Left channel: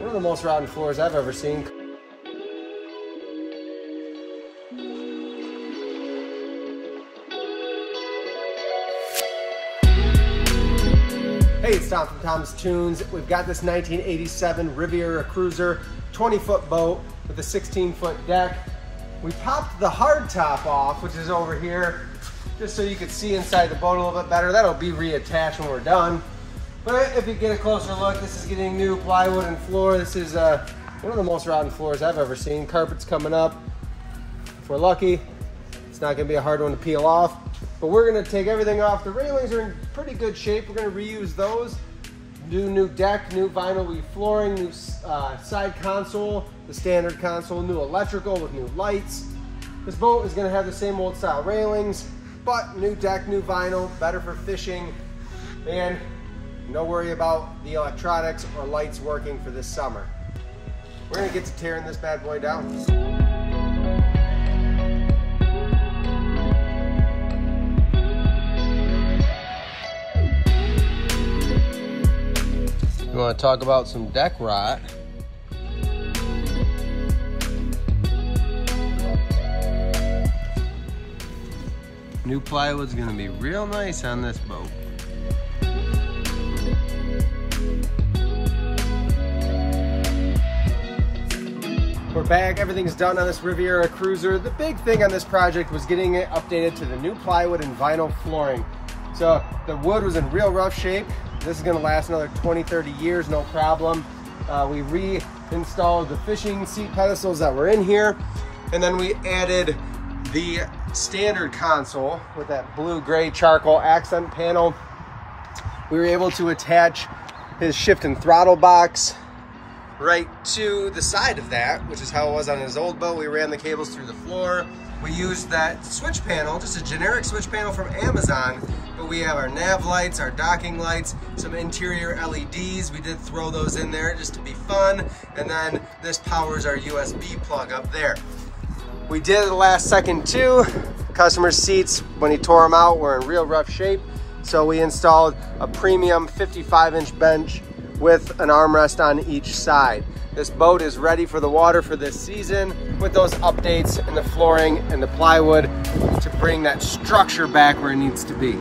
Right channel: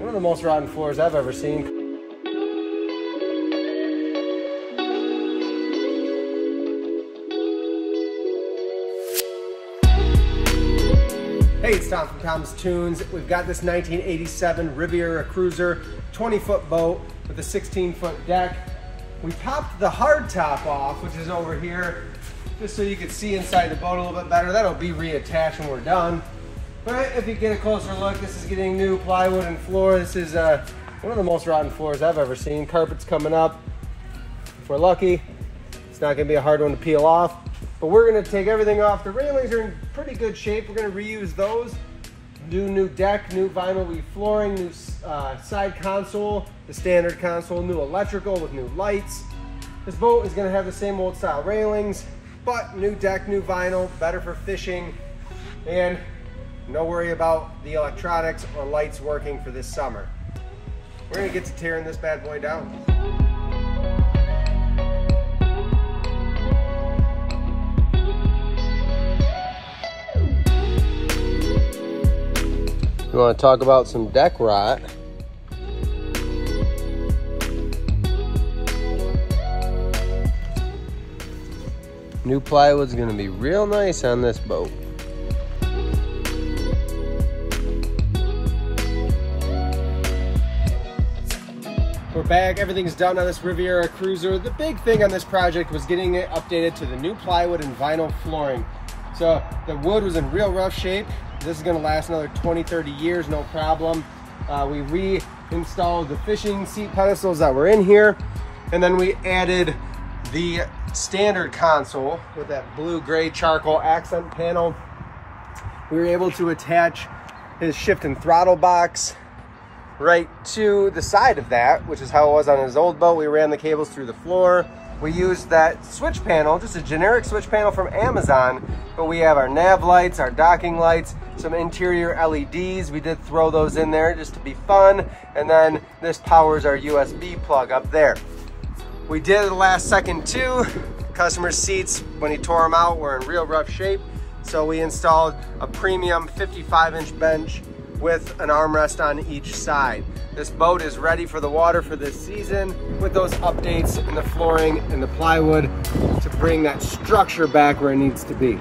One of the most rotten floors I've ever seen. Hey, it's Tom from Tom's Toons. We've got this 1987 Riviera cruiser, 20-foot boat with a 16-foot deck. We popped the hard top off, which is over here, just so you could see inside the boat a little bit better. That'll be reattached when we're done. But if you get a closer look, this is getting new plywood and floor. This is one of the most rotten floors I've ever seen. Carpet's coming up. If we're lucky, it's not gonna be a hard one to peel off. But we're gonna take everything off. The railings are in pretty good shape. We're gonna reuse those. Do new deck, new vinyl weave flooring, new side console, the standard console, new electrical with new lights. This boat is gonna have the same old style railings, but new deck, new vinyl, better for fishing, and no worry about the electronics or lights working for this summer. We're gonna get to tearing this bad boy down. We want to talk about some deck rot. New plywood's going to be real nice on this boat. We're back. Everything's done on this Riviera cruiser. The big thing on this project was getting it updated to the new plywood and vinyl flooring. So the wood was in real rough shape. This is gonna last another 20, 30 years, no problem. We reinstalled the fishing seat pedestals that were in here. And then we added the standard console with that blue-gray charcoal accent panel. We were able to attach his shift and throttle box right to the side of that, which is how it was on his old boat. We ran the cables through the floor. We used that switch panel, just a generic switch panel from Amazon, but we have our nav lights, our docking lights, some interior LEDs. We did throw those in there just to be fun. And then this powers our USB plug up there. We did it last second too. Customer's seats, when he tore them out, were in real rough shape. So we installed a premium 55-inch bench with an armrest on each side. This boat is ready for the water for this season with those updates in the flooring and the plywood to bring that structure back where it needs to be.